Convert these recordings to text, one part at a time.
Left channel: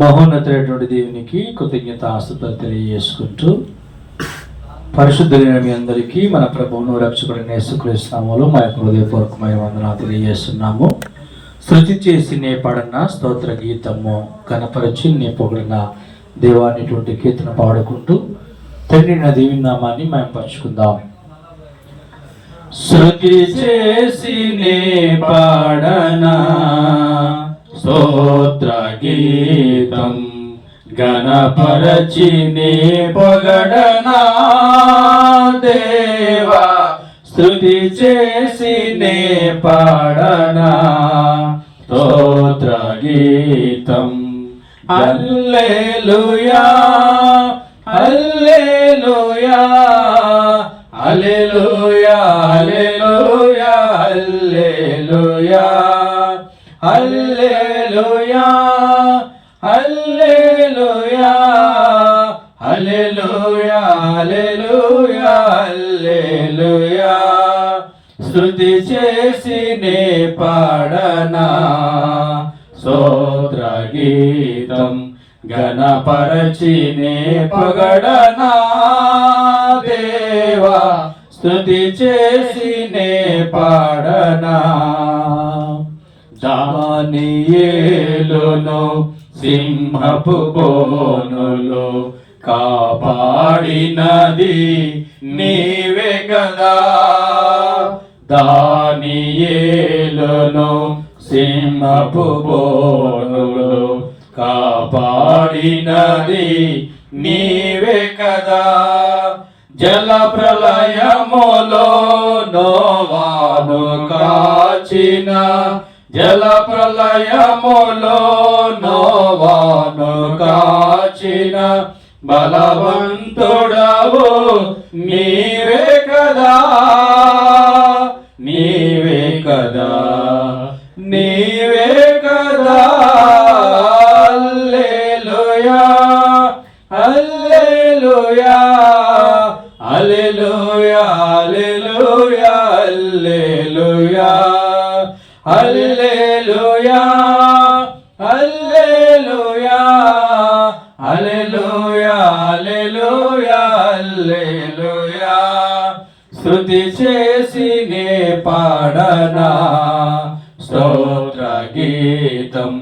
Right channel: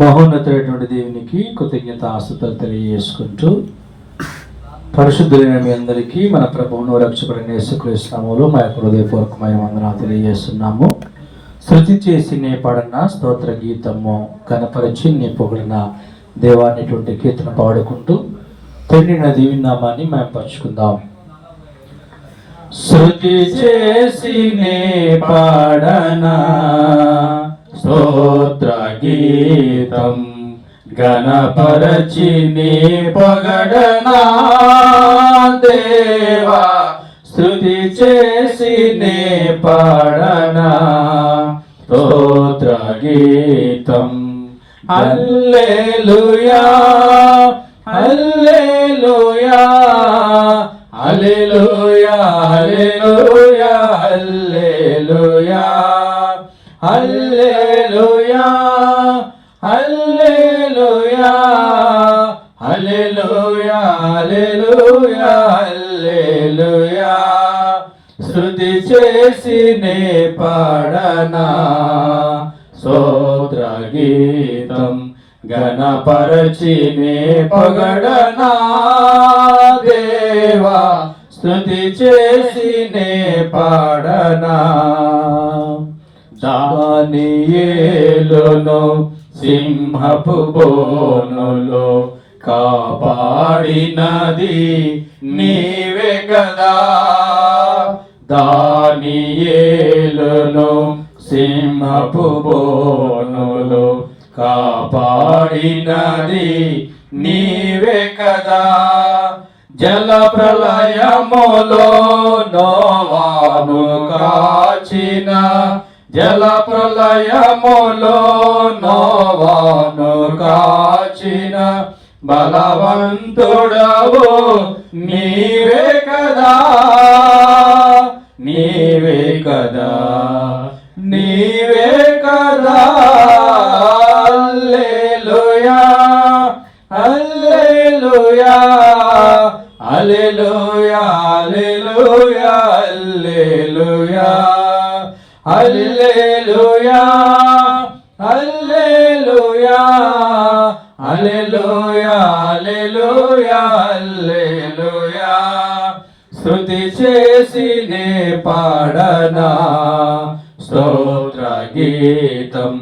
మహోన్నతమైనటువంటి దేవునికి కృతజ్ఞత ఆస్తులు తెలియజేసుకుంటూ పరిశుద్ధులైన మీ అందరికీ మన ప్రభువును రక్షకుడైన యేసుక్రీస్తు నామములో మా యొక్క హృదయపూర్వకమైన వందనాలు తెలియజేస్తున్నాము. శృతి చేసి నే పాడిన స్తోత్ర గీతము కనపరచి నే పొగిడిన దేవాన్ని కీర్తన పాడుకుంటూ తండ్రి దీవి నామాన్ని మేము పరుచుకుందాం. శృతి చేసి నే పాడనా స్తోత్ర గీతం గణపరచి నే పొగడనా దేవా, స్తుతి చేసి నే పాడనా స్తోత్ర గీతం. హల్లెలూయా హల్లెలూయా హల్లెలూయా హల్లెలూయా హల్లెలూయా హల్లెలూయా హల్లెలూయా హల్లెలూయా హల్లెలూయా హల్లెలూయా. స్తుతి చేసి నే పాడనా స్తోత్ర గీతం గణపరచి నే పొగడనా దేవా, స్తుతి చేసి నే పాడనా. దానియేలును సింహపు బోనులో కాపాడినది నీవే కదా. దానియేలును సింహపు బోనులో కాపాడినది నీవే కదా. జల ప్రళయములో నోవాను కాచిన, జల ప్రళయములో నోవాను కాచిన బలవంతుడవు నీవే కదా, నీవే కదా, నీవే కదా. హల్లెలూయా హల్లెలూయా హల్లెలూయా హల్లెలూయా హల్లెలూయా హల్లెలూయా హల్లెలూయా హల్లెలూయా హల్లెలూయా. స్తుతి చేసి నే పాడనా స్తోత్ర గీతం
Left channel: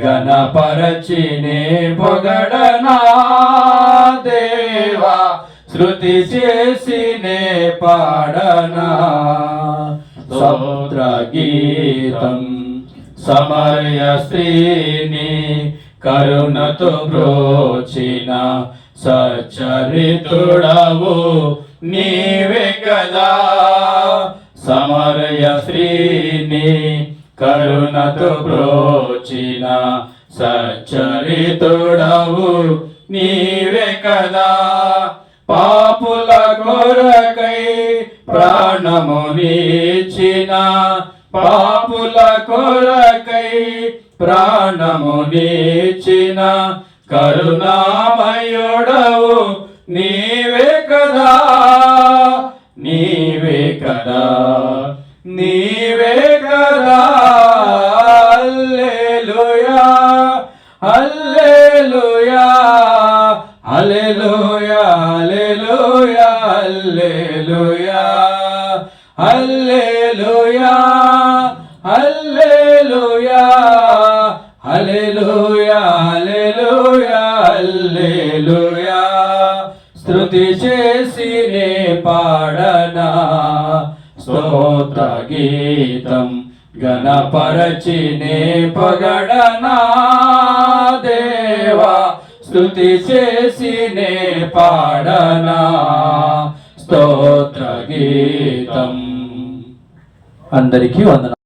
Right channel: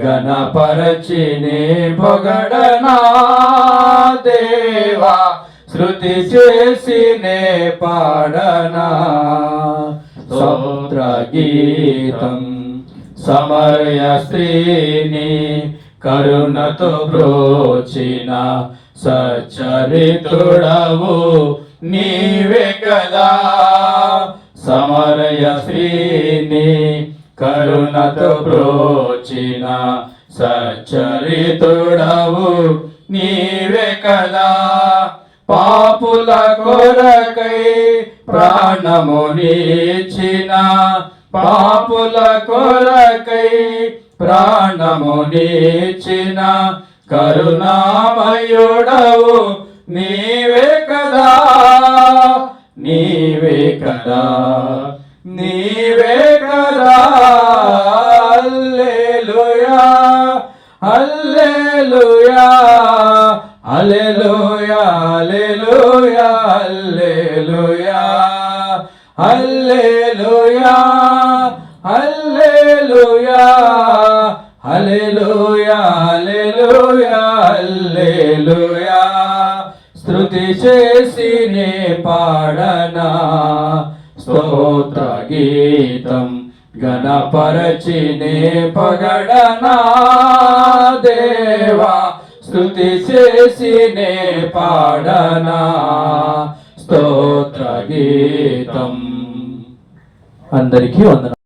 గణపరచి నే పొగడనా దేవా, స్తుతి చేసి నే పాడనా స్తోత్ర గీతం. సమరయ స్త్రీని కరుణతో బ్రోచిన సచ్చరితుడవు నీవే కదా. సమరయ స్త్రీని కరుణతో బ్రోచిన సచ్చరితుడవు నీవే కదా. పాపుల కొరకై ప్రాణమునిచ్చిన, పాపుల కొరకై ప్రాణమునిచ్చిన కరుణామయుడవు నీవే కదా, నీవే కదా, నీవే కదా. హల్లెలూయా హల్లెలూయా హల్లెలూయా హల్లెలూయా హల్లెలూయా హల్లెలూయా హల్లెలూయా హల్లెలూయా హల్లెలూయా. స్తుతి చేసి నే పాడనా స్తోత్ర గీతం గణపరచి నే పొగడనా దేవా, స్తుతి చేసి నే పాడనా స్తోత్ర గీతం. అందరికీ వందనాలు.